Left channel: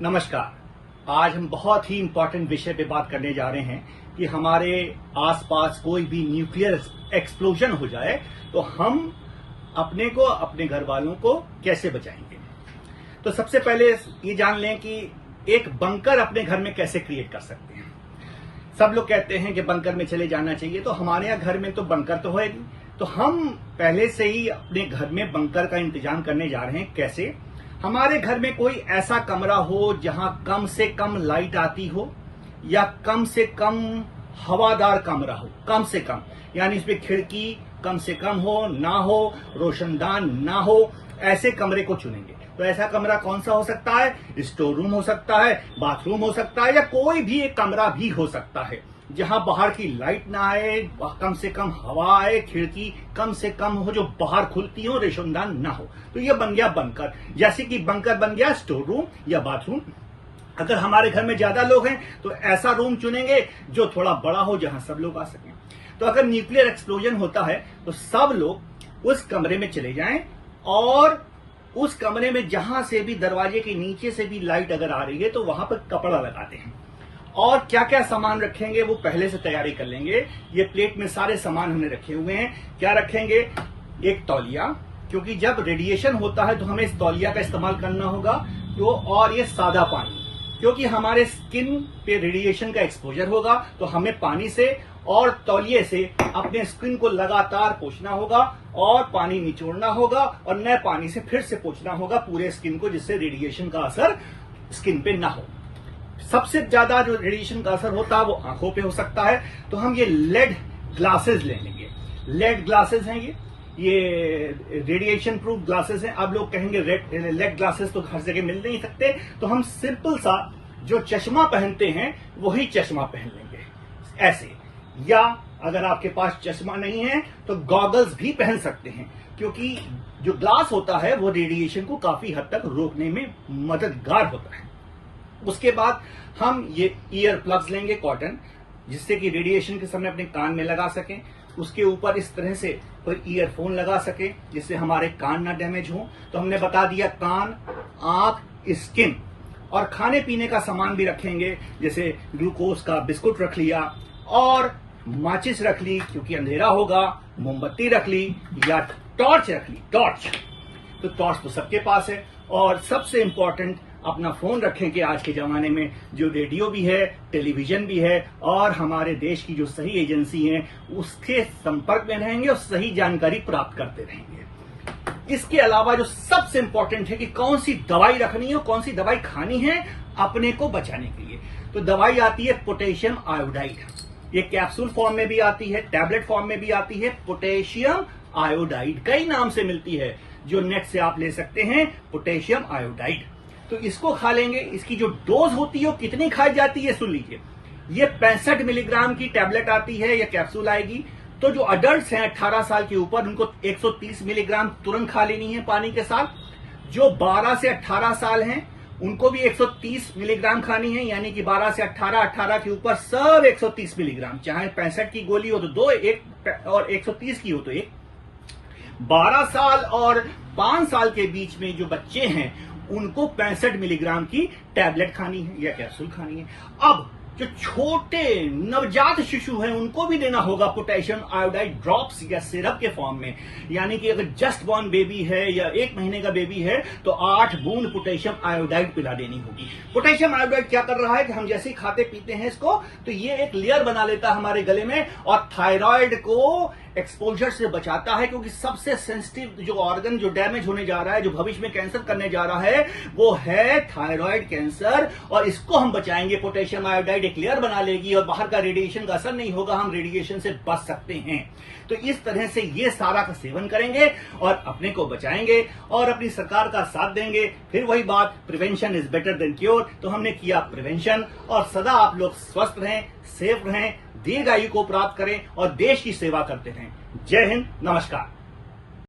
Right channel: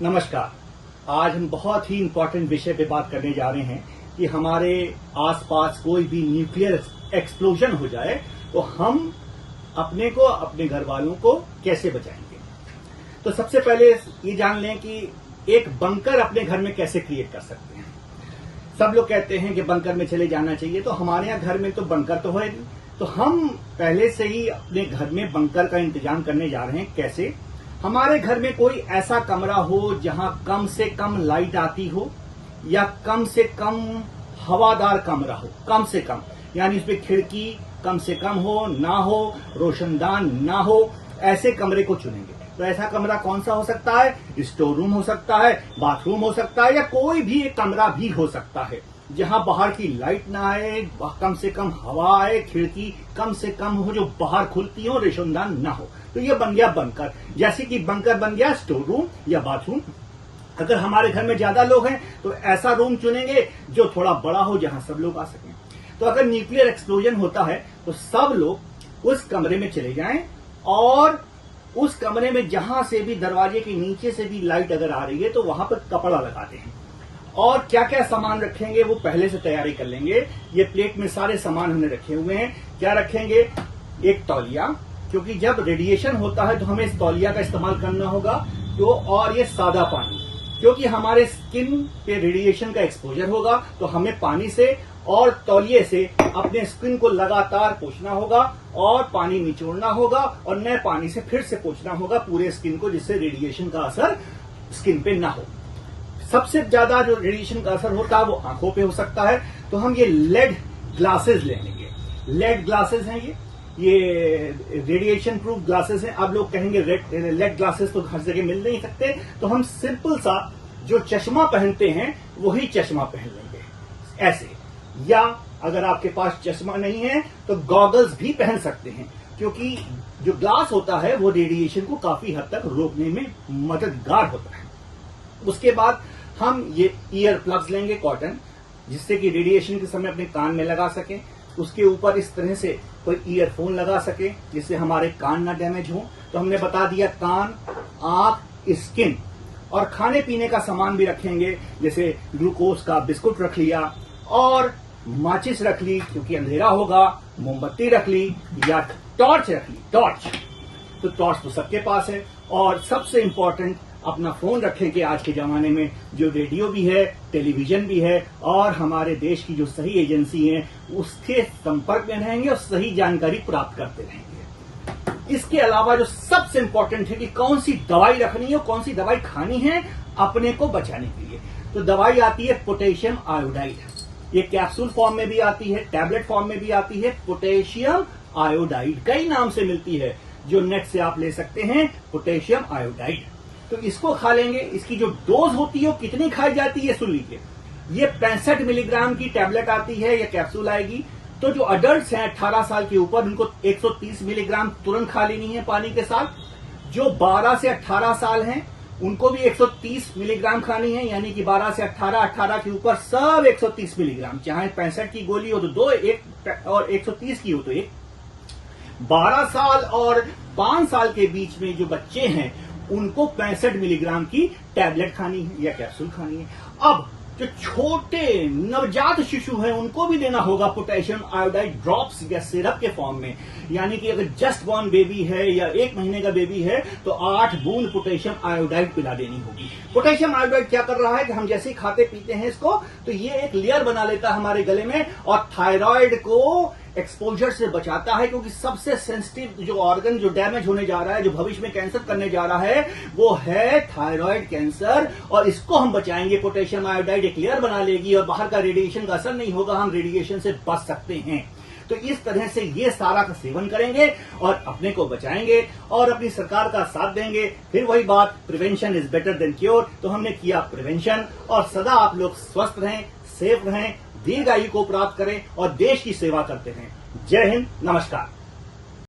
नमस्कार। आज हम बहुत ही इम्पोर्टेंट विषय पे बात करने जा रहे हैं कि हमारे आसपास कोई भी न्यूक्लियर एक्सप्लोजन हो जाए तो हम अपने को, अपने घर वालों को कैसे बचाएंगे। तो सबसे पहले ये जान लें कि एक बंकर अपने घर में कैसे क्रिएट कर सकते हैं। सब लोग कहते हैं कि बंकर में चले जाना चाहिए, तो हमारे यहाँ घर में तो बंकर तो है नहीं, तो हम पहले से ही अपने घर में बंकर का इंतजाम करने जा रहे हैं। कैसे? हमारे घर में कोई ऐसा कमरा हो जहां कम से कम लाइट आती हो या कम से कम हवादार कमरा हो, कम से कम, यानी इसमें खिड़की कम से कम हो, ना हो, रोशनदान ना हो, ऐसे कमरे को चुनेंगे। तो ऐसा कमरा कौन सा हो सकता है? स्टोर रूम हो सकता है, बाथरूम हो सकता है, या कोई भी एक कमरा भी हो सकता है जहां बाहर की लाइट ना आए, कम से कम हवा आए, खिड़की कम से कम हो जो बाहर खुलती हो, रोशनदान ना हो। तो ये बन गया बंकर। जैसे कि बंकर बन गया स्टोर रूम या बाथरूम। अगर हमारे घर में ज्यादा लोग हैं तो ऐसा रूम चुनेंगे जो थोड़ा बड़ा हो, जहां सब लोग आ सकें। तो अगर न्यूक्लियर एक्सप्लोजन होता है तो सब लोग उस कमरे में चले जाएं और उस कमरे में जहां से भी, दरवाजे के नीचे से भी लाइट अगर आ रही है तो वहां पर कपड़ा लगाते हैं। और क्या क्या सामान रखेंगे वो पहले से तैयारी कर लेंगे। ये प्लेट में सारे सामान हमने रखे हुए हैं। क्या रखेंगे? एक तौलिया, क्योंकि जब रेडिएशन होता है तो हमें इस तौलिया का इस्तेमाल करना होगा। तो और ये सादा पानी, क्योंकि हमारे स्किन पे रेडिएशन का एक्सपोजर होगा तो हमें पानी से और तौलिए से अपने स्किन को लगातार पोंछना होगा और पानी निचोड़ना होगा और नए पानी से फिर से पोंछना होगा पूरे स्किन को, जिससे रेडिएशन का असर स्किन पे ना हो। सबसे ज्यादा जो रेडिएशन का असर होता है वो आंखों पे हो सकता है, तो हम ये लेड ग्लासेस ले लेंगे। लेड ग्लासेस हैं ये रेडिएशन प्रूफ ग्लासेस हैं। आप लोग कहेंगे लेड ग्लासेस तो हर जगह मिल नहीं सकते, तो हम सिंपल सा जो चश्मा पहनते हैं वही चश्मा पहन लेंगे ऐसे। या अगर आपके पास चश्मा नहीं है तो गॉगल्स भी पहन सकते हैं, क्योंकि जो ग्लास होता है वो रेडिएशन को काफी हद तक रोकने में मददगार होता है। उसके बाद हम ये ईयर प्लग्स लेंगे कॉटन, जिससे कि रेडिएशन के समय अपने कान में लगा सकें। उसके ऊपर इस तरह से कोई ईयरफोन लगा सके जिससे हमारे कान ना डैमेज हो। तो हमने बता दिया कान, आंख, स्किन। और खाने पीने का सामान भी रखेंगे, जैसे ग्लूकोज का बिस्कुट रख लिया और माचिस रख ली क्योंकि अंधेरा होगा, मोमबत्ती रख ली या टॉर्च रख ली। टॉर्च तो सबके पास है। और सबसे इंपॉर्टेंट, अपना फोन रखें कि आज के जमाने में जो रेडियो भी है, टेलीविजन भी है और हमारे देश की जो सही एजेंसी है उसके संपर्क में रहेंगे और सही जानकारी प्राप्त करते रहेंगे। इसके अलावा जो सबसे इंपॉर्टेंट है कि कौन सी दवाई रखनी है, कौन सी दवाई खानी है अपने को बचाने के लिए। तो दवाई आती है पोटेशियम आयोडाइड। ये कैप्सूल फॉर्म में भी आती है, टैबलेट फॉर्म में भी आती है। पोटेशियम आयोडाइड कई नाम से मिलती है, जो नेट से आप ले सकते हैं, पोटेशियम आयोडाइड। तो इसको खा लेंगे। इसकी जो डोज होती है वो कितनी खाई जाती है सुन लीजिए। ये 65 मिलीग्राम की टैबलेट आती है या कैप्सूल आएगी। तो जो अडल्ट हैं 18 साल के ऊपर, उनको 130 मिलीग्राम तुरंत खा लेनी है पानी के साथ। जो 12 से 18 साल हैं उनको भी 130 मिलीग्राम खानी है, यानी कि 12 से 18, 18 के ऊपर सब 130 मिलीग्राम। चाहे 65 की गोली हो तो 2, एक और 130 की हो तो 1। 12 साल और 5 साल के बीच में जो बच्चे हैं उनको 65 मिलीग्राम की टैबलेट खानी है या कैप्सूल खानी है। अब जो छोटे नवजात शिशु हैं उनको भी देना होगा पोटेशियम आयोडाइड ड्रॉप्स या सिरप के फॉर्म में। यानी कि अगर जस्ट बॉर्न बेबी है या 1 महीने का बेबी है तो 8 बूंद पोटेशियम आयोडाइड पिला देनी होगी। पोटेशियम आयोडाइड क्या कर रहा है कि हम जैसे ही खाते पीते हैं इसको, तो ये एक लेयर बना लेता है हमारे गले में और थायराइड को एक्सपोजर से बचाता है, क्योंकि सबसे सेंसिटिव जो ऑर्गन जो डैमेज होने जा रहा है, जो भविष्य में कैंसर करने जा रहा है, वो है थायराइड कैंसर। और इसको हम बचाएंगे। पोटेशियम आयोडाइड एक लेयर बना लेगी और बाहर का रेडिएशन का असर नहीं होगा, हम रेडिएशन से बच सकते हैं। तो इस तरह से ये सारा का सेवन करेंगे और अपने को बचाएंगे और अपनी सरकार का साथ देंगे। फिर वही बात, prevention is better than cure. तो हमने किया प्रिवेंशन। और सदा आप लोग स्वस्थ रहें, सेफ रहें, दीर्घायु को प्राप्त करें और देश की सेवा करते रहें। जय हिंद, नमस्कार।